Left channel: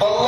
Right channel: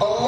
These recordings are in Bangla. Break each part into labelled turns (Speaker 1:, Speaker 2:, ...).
Speaker 1: Allah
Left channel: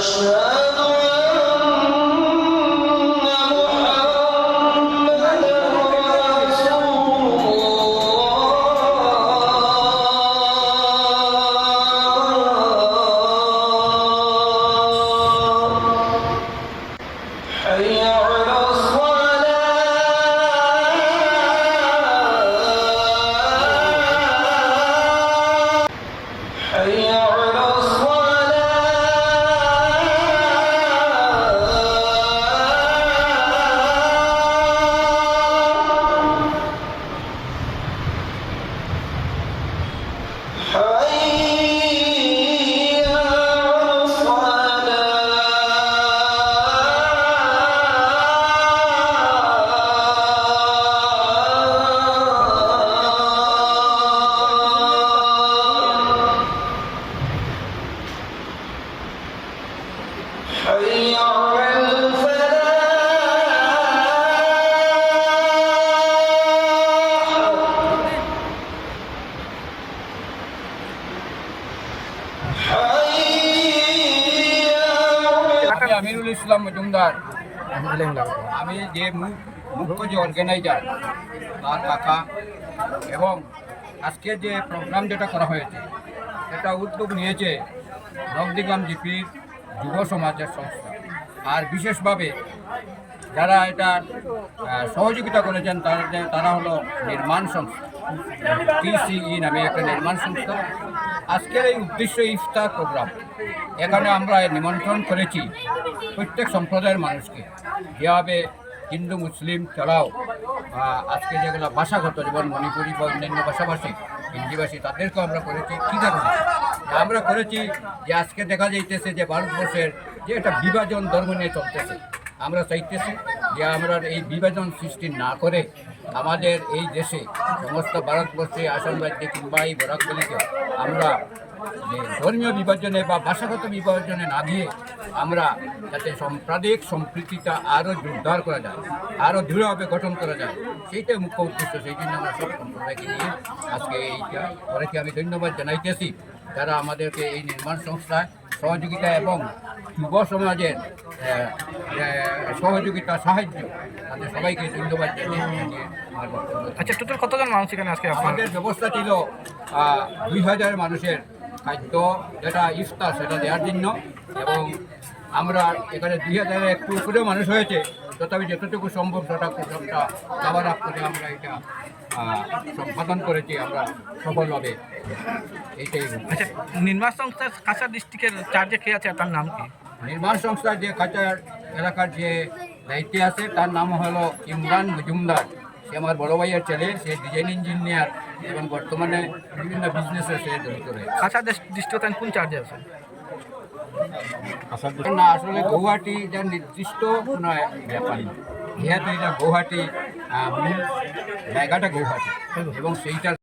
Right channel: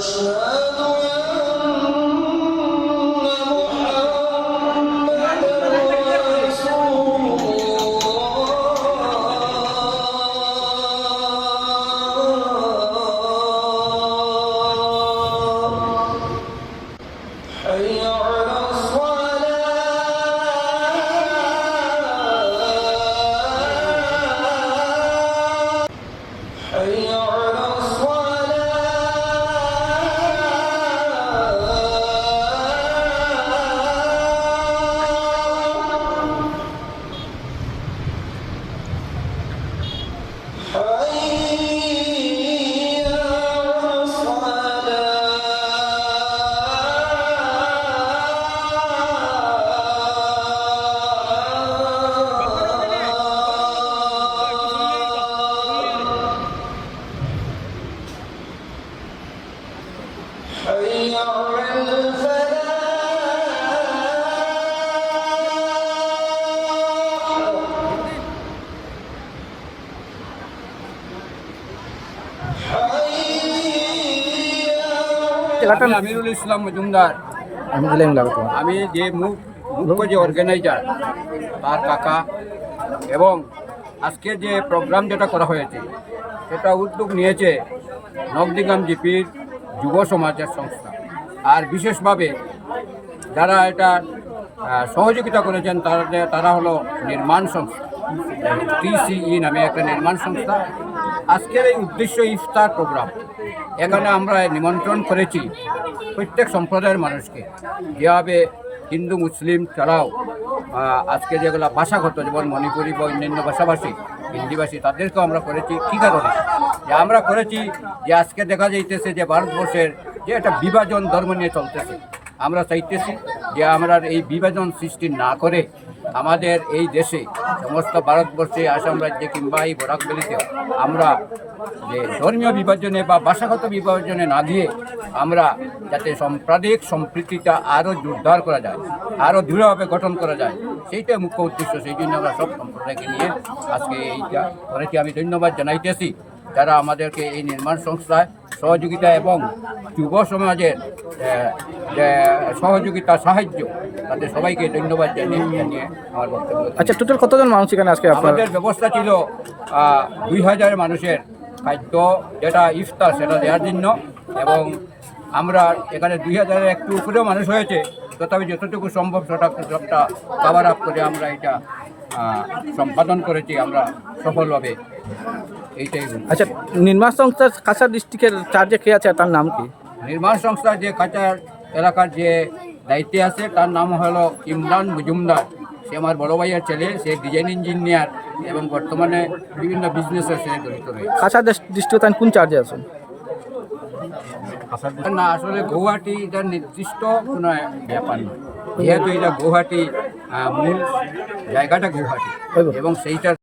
Speaker 1: أشهد
Speaker 2: আমি আমিরুল ইসলাম মজুমদার।
Speaker 3: আমি
Speaker 2: যে মুখ মুখ্য যে অর্গানাইজার তার কাকা। এবং আজকে যে প্রোগ্রাম যেটা করা হয়েছে, সেটা উদ্যোগ নিয়েছে নবদিগাম জিপির যুব সমাজের সংস্থা। আর বিশেষভাবে যারা এটা সহযোগিতা করেছেন তারা তারা হলো নির্মাণ সংস্থা, টিসিই নামে একটা নির্মাণ সংস্থা। আজকের এই উদ্দেশ্য ইফতার প্রোগ্রাম। এখানে আমরা নিমন্ত্রণ করেছি প্রত্যেক সম্প্রদায়ের মানুষকে। যেভাবে হিন্দু, মুসলিম ছাড়াও আজকে যেগুলো ভাষাগত, যেমন মণিপুরি বা অন্যান্য ভাষাভাষী, হিন্দিভাষী, তাদেরকেও আমরা করেছি। কী কারণে? যে আমরা করেছি যে আজকে দেখা যাইতেছে যে ভারতবর্ষের যে একটা বিভাজন ধর্ম নিয়ে চলতেছে। আমরা চাইতেছি যে আমরা এই বিভাজন সৃষ্টি না করে আমাদের এই দেশে সমস্ত ভারতবর্ষে আসাম রাজ্যে কিংবা এই বরাক আমরা যে ধর্মীয় বিভাজনে বা ভাষাগত বিভাজনে না গিয়ে আমরা যাতে সাম্প্রদায়িক সম্প্রীতিটা আরও জোরদার করা যায়, আরও দৃঢ়ভাবে গঠন করা যায়, সেইটাই মুখ্য উদ্দেশ্য, সেই জন্য আমরা সব সম্প্রদায়কে নিয়ে আজকে এইটা করেছি। আমি ধন্যবাদ জানাইতেছি যারা আমাদেরকে এই নির্মাণ সংস্থায় সহযোগিতা এবং যুব সমাজের সহযোগিতা সাহায্য। তাদের সবাইকে ধন্যবাদ জানিয়ে জানিয়ে আমার বক্তব্য
Speaker 3: আচ্ছা টোটাল কতজন মানুষ এখানে আজকে
Speaker 2: আমাদের ব্যবস্থা ছিল দুই হাজার মানুষের খাদ্য যেটা ইফতার সেটা দেওয়ার জন্য। এবং আমরা এখানে দুই হাজারের একটু উপরেও মানুষ হয়েছে। তথাপি যতটুকু সম্ভব সেটা সবটা কাভার আপ করে আমরা এটা সম্পাদন করেছি আমরা সফলভাবে। এইটাই
Speaker 3: আচ্ছা নির্মাণ সংস্থার কাছাড় ডিস্ট্রিক্টের চার্জে কে আছে তার নাম কি?
Speaker 2: নির্মাণ সংস্থার যে কাচার এলাকার যে দায়িত্বে আছে তার নাম হলো ইমরান মজুমদার। সে আমার বড় ভাইয়ের ছেলে সে ডিজাইন ইঞ্জিনিয়ার এবং বর্তমানে বিভিন্ন বিজনেসে সে জড়িত রয়েছে।
Speaker 3: কাছাড় ডিস্ট্রিক্ট তার কোন চার্জে আছে?
Speaker 2: না আসলে গৌহাটি এটা নির্দিষ্ট কোনো ব্যাপার না যেহেতু এটা গৌহাটি মূল জায়গাটা গৌহাটি। এবং সেইটার